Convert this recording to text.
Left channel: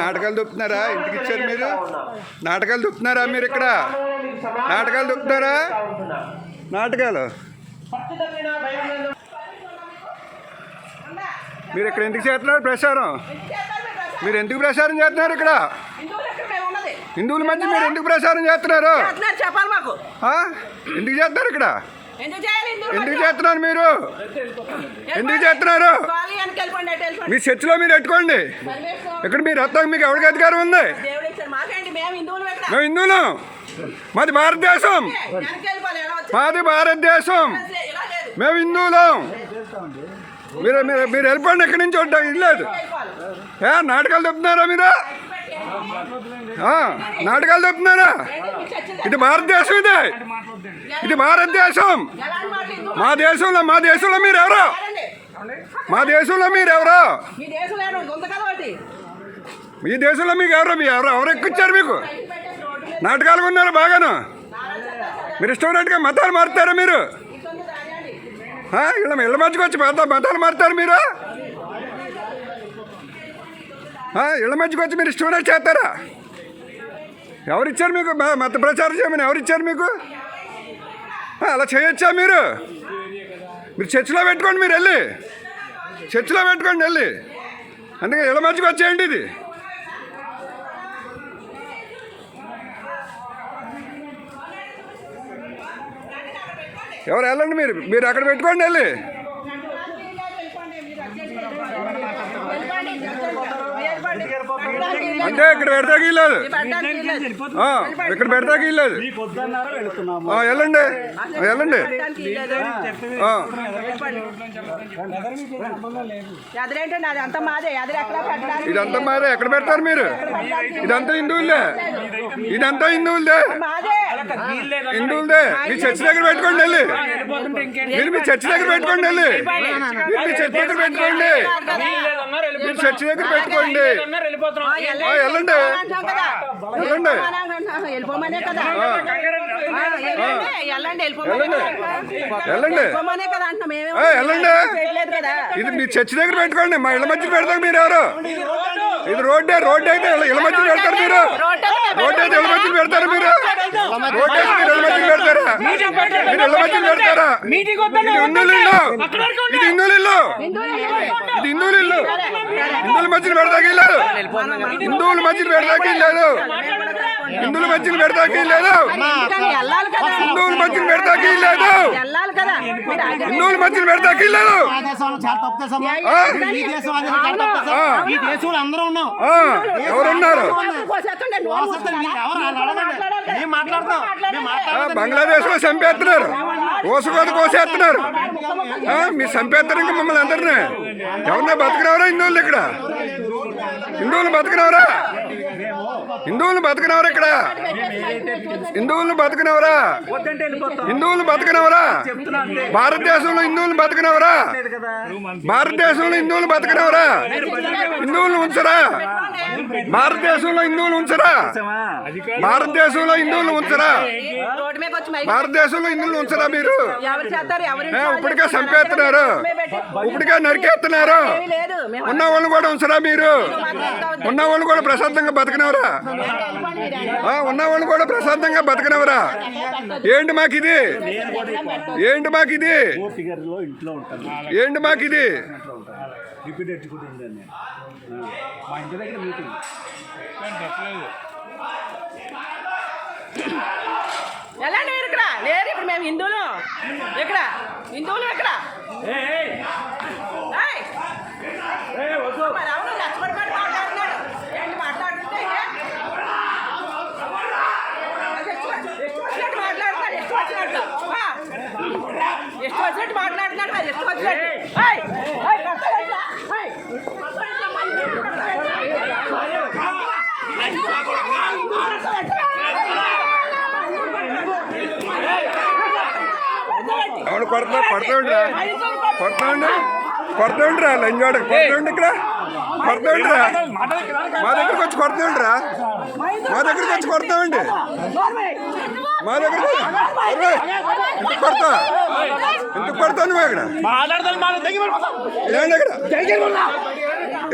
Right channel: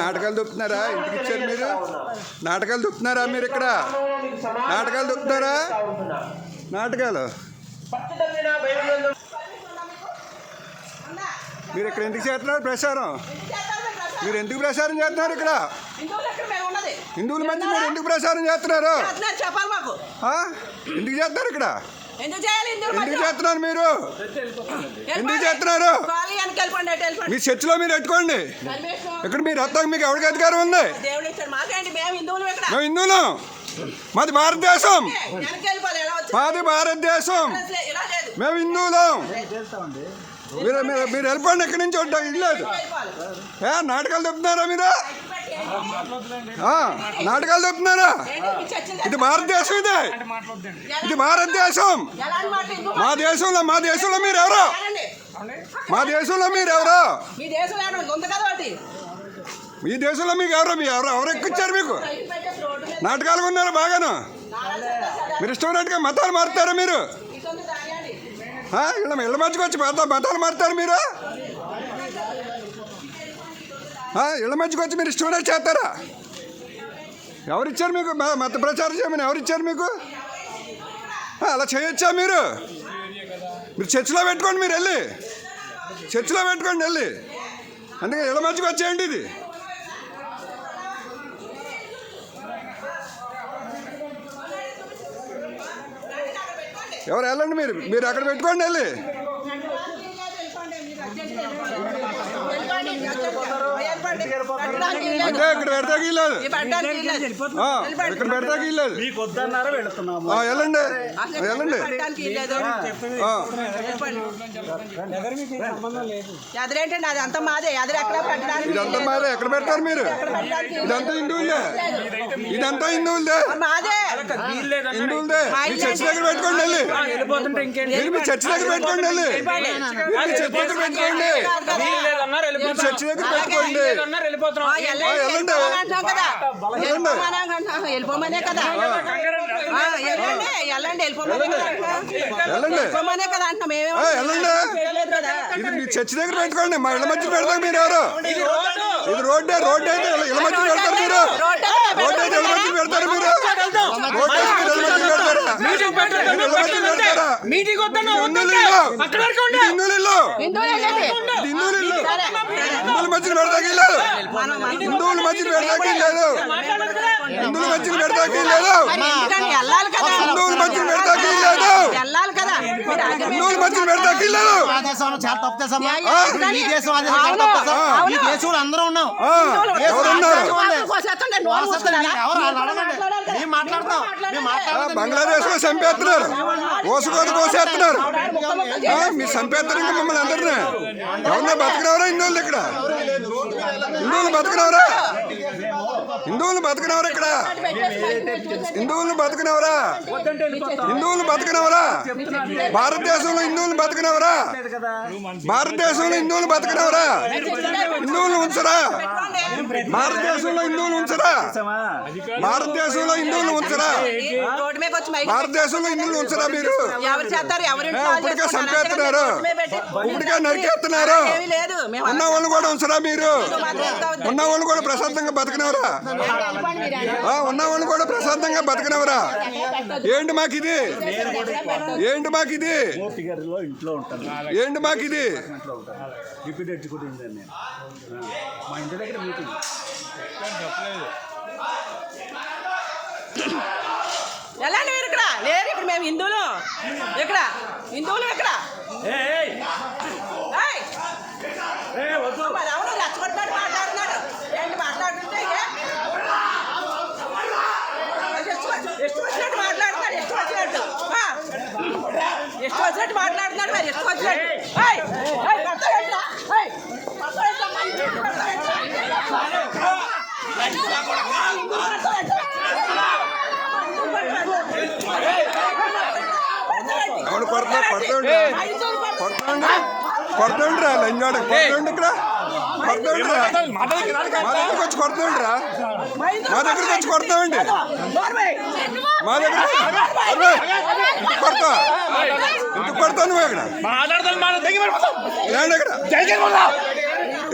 నాటకాలు దొప్పుతున్నారా? ఇంటికి ఇచ్చారు మీరు? నాటకాలు దొప్పుతున్నారా మీరు? ఇక్కడ నాటకాలు దొప్పుతున్నారా? నాటకాలు మీరు ఇక్కడ ఎందుకు చేస్తున్నారు ప్రచారం? మీరు ఎందుకు ప్రచారం చేస్తున్నారు? ఇక్కడ హిందువుల మధ్య మీరు ఎందుకు ప్రచారం చేస్తున్నారు? ఎందుకు చేస్తున్నారు? ఇక్కడ ఎందుకు చేస్తున్నారు? మీరు ఎందుకు చేస్తున్నారు? మీ చర్చిలో మీరు పెట్టుకోండి. ఇక్కడ మీరు వస్తాక మీకు ఎవరికి అధికారం ఉంది? మేము హిందువులం. మాది భారతదేశం. మాది భారతదేశం. మేము హిందువులం. మీరు మీరు మీరు వెళ్ళిపోండి. ఎక్కడి నుంచి ఉంటాం ఇల్లేదు. నాటకాలు చెప్తున్నారా మీరు? నాటకాలు చెప్తున్నారా? ఇది భారతదేశం. ఇది భారతదేశం. మా దేశంలో మీరు ఎవరు? మా దేశంలో మీరు ఎవరు? మీ దేశంలో మీకు ఎవరు? ఎవరు ఎక్కిచ్చారు మీకు? నాటకాలు ఉన్నారు బాగాను. మీరు ఇష్టమైనట్టుగా మతాలు మారుతారా మీరు? ఇళ్ళ మధ్యకి వచ్చి మతాలు మారుతారు మీరు? ఇళ్ళ మధ్యకి వచ్చి మీరు ఇష్టమైనట్టు చేస్తారా? ఎవరిచ్చారు మీకు మత ప్రచారం చేయమని? ఎవరిచ్చారు మీకు? అలా చేయొచ్చా మీరు? మీరు చర్చిలో పెట్టుకోండి. మీరు వెళ్ళి చర్చిలో పెట్టుకోండి వెళ్ళి. అందుకే ఇళ్ళ మధ్యకి వచ్చేయండి. ఇది ఎవరు వెళ్ళండి. మీరు అక్కడ పెట్టుకోండి వెళ్ళి. అంటే ఇక్కడ పెడతాకి లేదు. ఇక్కడ పెడతాకి లేదు. వెళ్ళండి వెళ్ళండి. ఇదంతా మాదే. ఎక్కడ పెడతారు మీరు? ఇదంతా హిందువులదే. ఇదంతా హిందువులదే. హిందువులదే. మీ చర్చి దగ్గర పెట్టుకోండి వెళ్ళి. మీరు మీ చర్చి దగ్గర పెట్టుకోండి వెళ్ళి. మీరు మీ చర్చి దగ్గర పెట్టుకోండి. మీరు చర్చి దగ్గర పెట్టుకోండి. వెళ్ళండి వెళ్ళండి వెళ్ళండి. ఇది మీ చర్చి దగ్గర పెట్టుకోండి. మా ఇళ్ళ మధ్య పెడతాం. మీరు ఎవరు? ఇది రోడ్డు అయితే ఇళ్ళ మధ్య పెడతారు మీరు. రోడ్డు అయితే ఇళ్ళ మధ్య పెడతారు మీరు. రోడ్డు అయితే మీరు ఇళ్ళ మధ్య పెడతారా? మీరు ఇళ్ళ మధ్య పెడతారా? ఇది హిందువులు ఇల్లు. ఇది హిందువులు ఇల్లు. ఇది హిందువులు ఇల్లు. హిందువుల మధ్యన పెడతాకి లేదు. హిందువుల మధ్యన పెడతాకి లేదు. హిందువుల మధ్యన పెడతాకి లేదు. హిందువుల మధ్యన పెడతాకి లేదు. హిందువుల మధ్యన పెడతాకి లేదు. ఎవరున్నారు? బంగ్లాదేశ్ లో చంపేస్తున్నారు. కోసుకోత కోసేస్తున్నారు. మీరు చంపేస్తారు ఇంకా మమ్మల్ని అందరినీ. ఎవరన్నా బతకనవరా హిందువులు? ఇక్కడ హిందువులు బతకనవరా? హిందువులు బతకనవరా? ఇక్కడ హిందువులను బతకనవరా? హిందువులు బతకనవరా? భారతదేశంలో హిందువులు బతకనవరా? భారతదేశంలో హిందువులు బతకనవరా? హిందువులను ఉంచరా? భారతదేశంలో హిందువులు ఉంచరా? భారతదేశంలో హిందువులు ఉంచరా? భారతదేశంలో హిందువులు ఉంచరా? మీరు ఇప్పటికే చంపేస్తున్నారు. ఇప్పటికే నరికేస్తున్నారు. ఉన్న వాళ్ళు కూడా ఉంచరా? మీరు ఉన్న వాళ్ళు కూడా ప్రశాంతంగా బతకనవరా? ఉన్న వాళ్ళు కూడా ప్రశాంతంగా బతకనవరా? ఏంటి మాకిది? ఏంటి మాకిది? ఏంటి మాకిది? ఎలాంటి మీరు ఇక్కడ లేరు. ఇప్పుడు మేము హిందువులు. ఇక్కడ హిందువులు ఇక్కడ అవును రెచ్చగొట్టుబడి మాట్లాడుతున్నాడు. ఏంటి మాట్లాడుతుంటే ಎಷ್ಟು వచ్చినట్టు మాట్లాడుతున్నాడు. ಎಷ್ಟು వచ్చినట్టు మాట్లాడుతున్నాడు. మరి ಎಷ್ಟು వచ్చినట్టు అవును కొడతాండి కొడతాండిరా లంజోడ కొడతాండి. ఇక్కడ కొడతాండిరా. మా దగ్గరకు వచ్చి కొడతాండిరా. మా దగ్గరకు వచ్చి కొడతామండి. మా దగ్గర ఎందుకు కొడతా? ఎందుకు కొడతావు నువ్వు? ఇక్కడ ఇక్కడ